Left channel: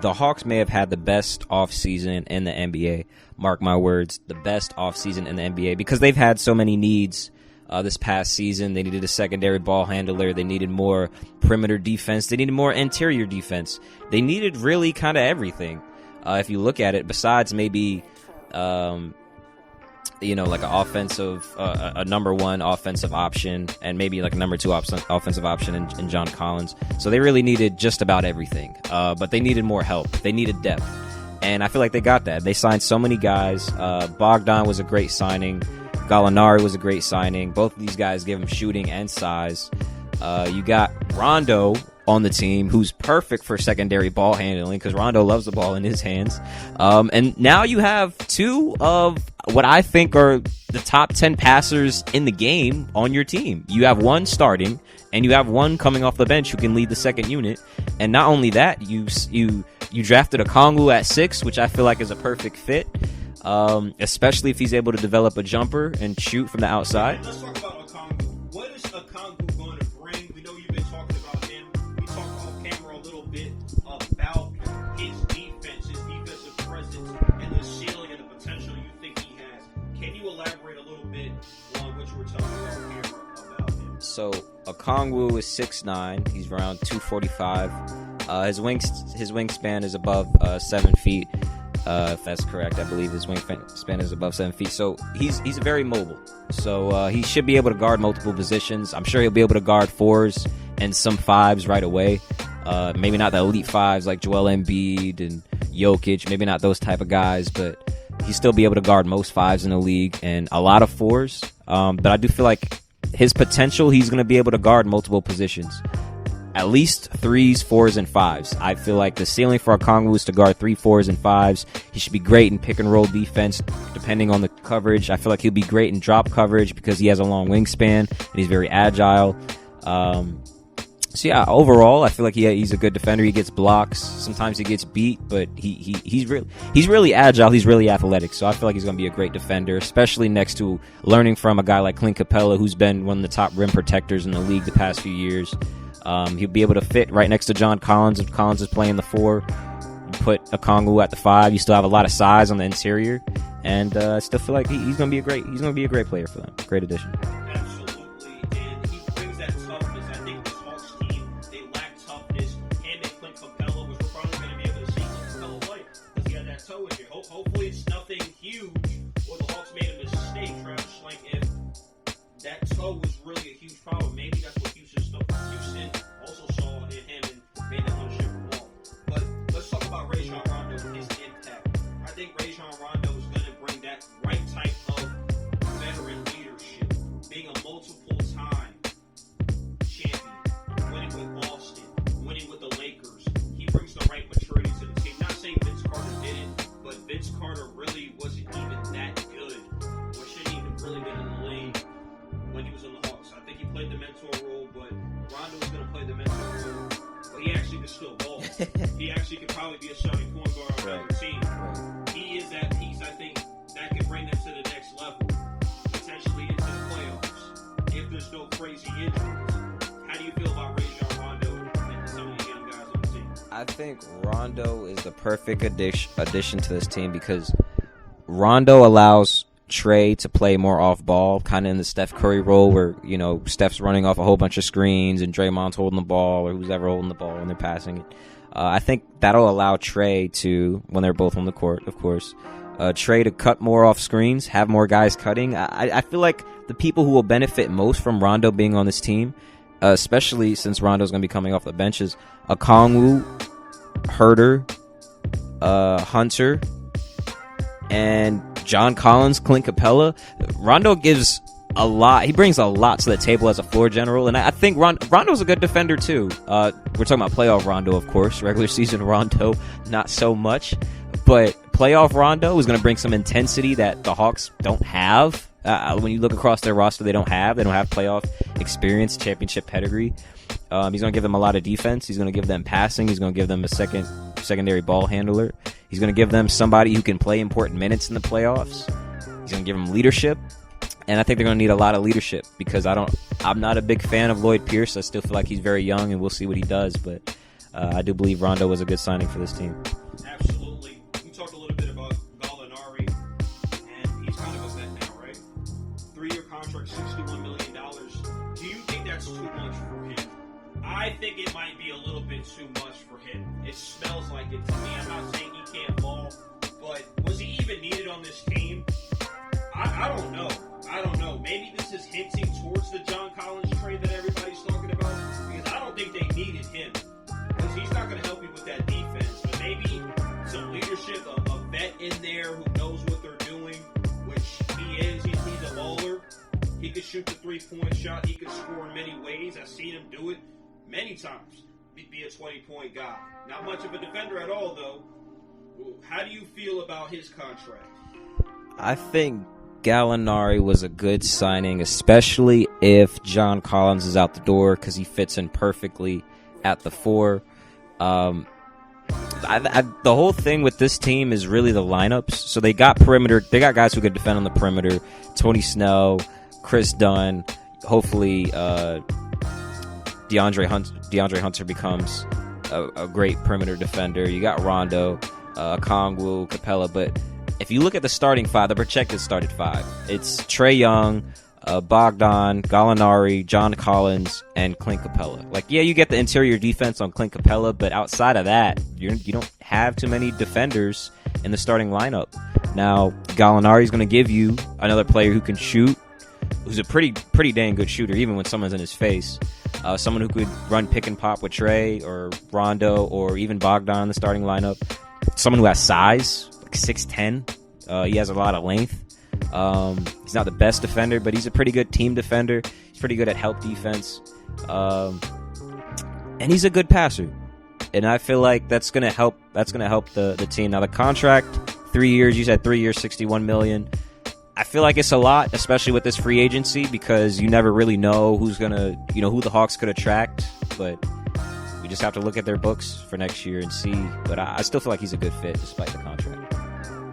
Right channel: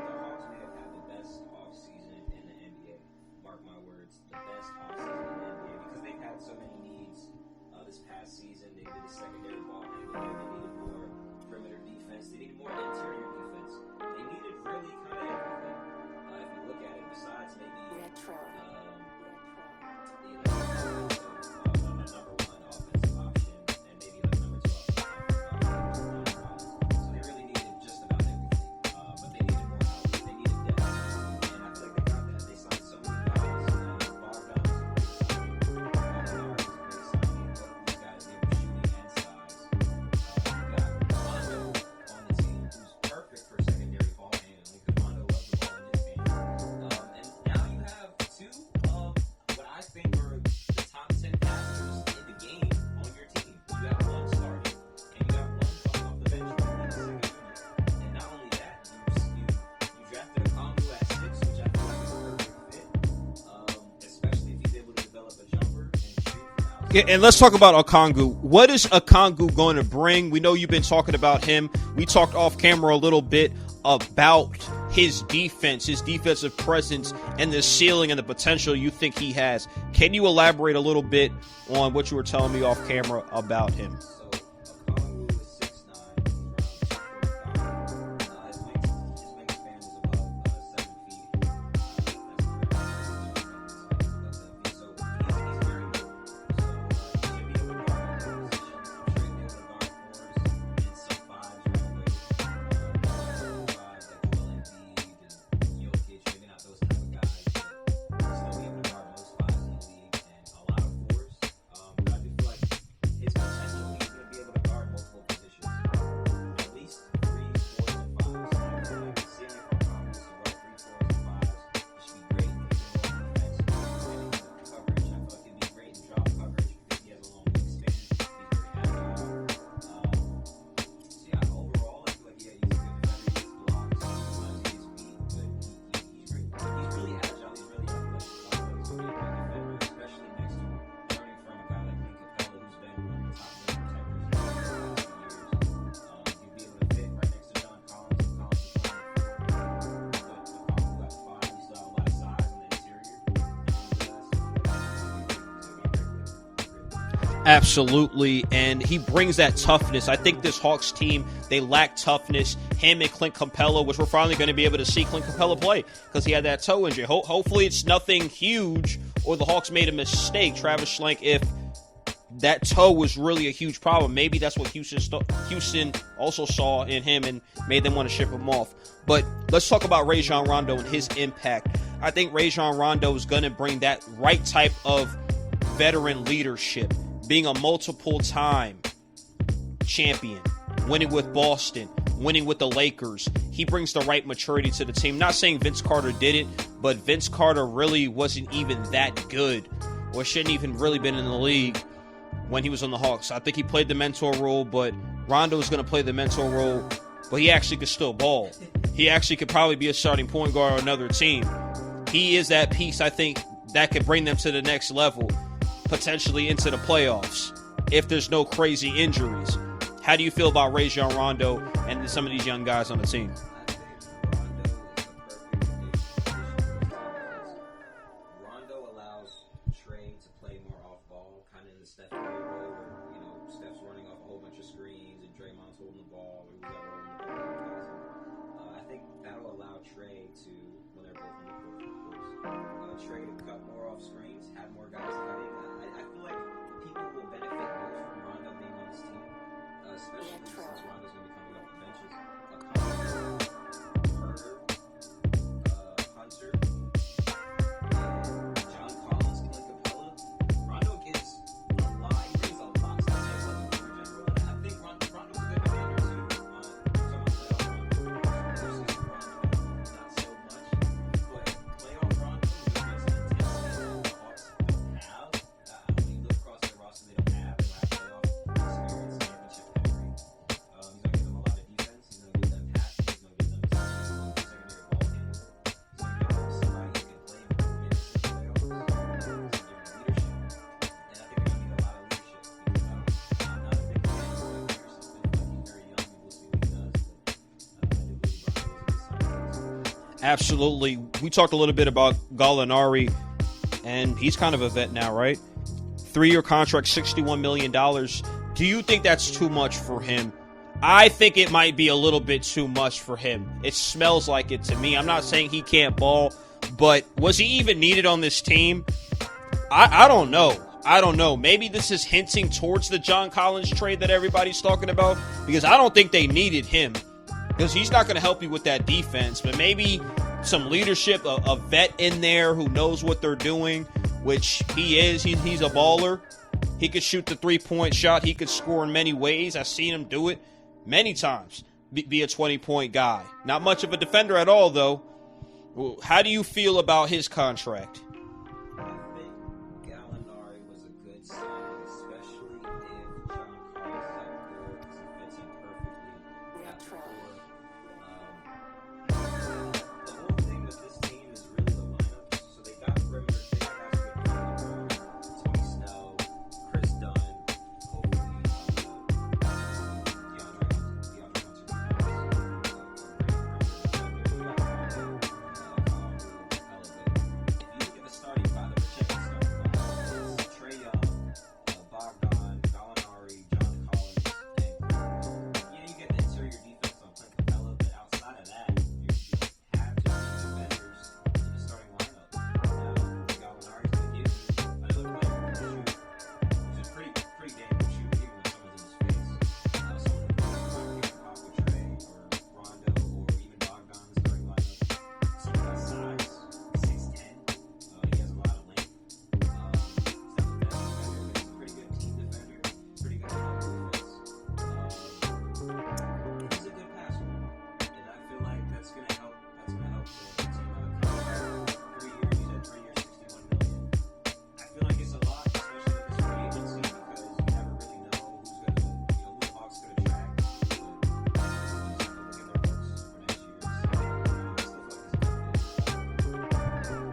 the Hawks may have had the best offseason in the NBA. Mark my words, the best offseason in the NBA, because they've had so many needs this past season. They needed a secondary ball handler. They needed more perimeter defense. They needed more interior defense. They needed really kind of everything. If you look at it, besides maybe, like an offensive, a number one offensive option, and maybe like a number two offensive option in John Collins. So they really needed just about everything. But they needed more help. They needed depth. And I feel like they got that. They signed so many guys. Bogdan was a great signing. Gallinari was a great signing. Both of these guys give him shooting and size. You got Rondo on the team, who's perfect for secondary ball handling because Rondo loves the ball in his hands. And now you have two of what I think are the top 10 passers in the game on your team. You have one starting, and you have one coming off the bench who can lead the second unit. And not only that, you drafted Okongwu at 6, which I feel like is a perfect fit. Especially if he's able to develop a jumper and shoot from the outside. And let's talk about Okongwu. What is Okongwu going to bring? We know you've been talking about him. We talked off camera a little bit about his defense, his defensive presence, and the ceiling and the potential you think he has. Can you elaborate a little bit on what you were telling me off camera about him? So Okongwu is 6'9". He's around 245. His wingspan is above 7 feet. If that's correct, I believe his wingspan is above 7 feet. So he's very mobile. So he should be able to guard multiple positions. I'm sure he'll be able to guard 4s and some 5s right away. Maybe not the elite 5s like Joel Embiid and Jokic. Maybe not those type of guys, but he'll still be able to guard most 5s in the league and a lot of 4s. But I do feel like his potential, he's going to be able to guard multiple positions. At least 3s, 4s, and 5s. I feel like the ceiling for Okongwu is to guard 3, 4s, and 5s. He should be great in pick-and-roll defense, depending on the coverage. I feel like he'll be great in drop coverage because he has a long wingspan, and he's very agile. So, yeah, overall, I feel like he's a good defender. He gets blocks. Sometimes he gets beat, but he's really agile. He's really athletic. So I feel like he's going to be a great defender, especially next to learning from a guy like Clint Capella, who's been one of the top rim protectors in the league the past few years. He'll be able to fit right next to John Collins. If Collins is playing the 4, put Okongwu at the 5. You still have a lot of size on the interior, and I still feel like he's going to be a great player for them. Great addition. Absolutely, and he brings that toughness. I think this Hawks team, they lack toughness. Him and Clint Capella, which we're finally going to be able to see Clint Capella play because he had that toe injury. Hopefully it's nothing huge or the Hawks made a mistake. Travis Schlenk, if that toe was really a huge problem, maybe that's what Houston also saw in him and made them want to ship him off. But let's talk about Rajon Rondo and his impact. I think Rajon Rondo is going to bring that right type of veteran leadership, being a multiple-time champion, winning with Boston, winning with the Lakers. He brings the right maturity to the team. Not saying Vince Carter didn't, but Vince Carter really wasn't even that good, or shouldn't even really been in the league when he was on the Hawks. I think he played the mentor role, but Rondo is going to play the mentor role, but he actually could still ball. He actually could probably be a starting point guard on another team. He is that piece, I think, that could bring them to the next level, potentially into the playoffs, if there's no crazy injuries. How do you feel about Rajon Rondo and some of these young guys on the team? I think Rondo is the perfect addition to this team because Rondo allows Trey to play more off ball, kind of in the Steph Curry role where, Steph's running off a whole bunch of screens and Draymond's holding the ball or who's ever holding the ball when they're passing it. I think that'll allow Trey to, when they're both on the court, of course, Trey to cut more off screens, have more guys cutting. I feel like the people who will benefit most from Rondo being on this team, especially since Rondo's going to be coming off the benches, Okongwu, Huerter, Hunter, and John Collins, Clint Capella. Rondo gives a lot. He brings a lot to the table as a floor general, and I think Rondo's a good defender too. We're talking about playoff Rondo, of course. Regular season Rondo, not so much. But playoff Rondo is going to bring some intensity that the Hawks don't have. When you look across their roster, they don't have playoff experience, championship pedigree. He's going to give them a lot of defense. He's going to give them passing. He's going to give them a secondary ball handler. He's going to give them somebody who can play important minutes in the playoffs. He's going to give them leadership. And I think they're going to need a lot of leadership because I'm not a big fan of Lloyd Pierce. I still feel like he's very young, and we'll see what he does. But I do believe Rondo was a good signing for this team. Absolutely. We talked a little bit about Gallinari, and he's kind of a vet now, right? 3-year contract, $61 million. Do you think that's too much for him? I think it might be a little bit too much for him. It smells like it to me. I'm not saying he can't ball, but was he even needed on this team? I don't know. I don't know. Maybe this is hinting towards the John Collins trade that everybody's talking about, because I don't think they needed him, because he's not going to help you with that defense. But maybe some leadership, a vet in there who knows what they're doing, which he is. He's a baller. He could shoot the three-point shot. He could score in many ways. I've seen him do it many times, be a 20-point guy. Not much of a defender at all, though. How do you feel about his contract? I think Gallinari was a good signing, especially if John Collins is out the door, because he fits in perfectly at the 4. The whole thing with this team is really the lineups. So they got guys who could defend on the perimeter. Tony Snell, Chris Dunn. Hopefully, DeAndre Hunter becomes a great perimeter defender. You got Rondo, Kongwu, Capella, but if you look at the starting 5, the projected starting 5, it's Trae Young, Bogdan, Gallinari, John Collins, and Clint Capella. Like, yeah, you get the interior defense on Clint Capella, but outside of that, you don't have too many defenders in the starting lineup. Now, Gallinari is going to give you another player who can shoot, who's a pretty dang good shooter, even when someone's in his face. Someone who could run pick and pop with Trae or Rondo or even Bogdan in the starting lineup. Someone who has size, like 6'10". He has a lot of length. He's not the best defender, but he's a pretty good team defender. He's pretty good at help defense. And he's a good passer. And I feel like that's gonna help the team. Now the contract, 3 years, you said 3 years, $61 million. I feel like it's a lot, especially with this free agency, because you never really know who the Hawks could attract. But we just have to look at their books for next year and see. But I still feel like he's a good fit despite the contract.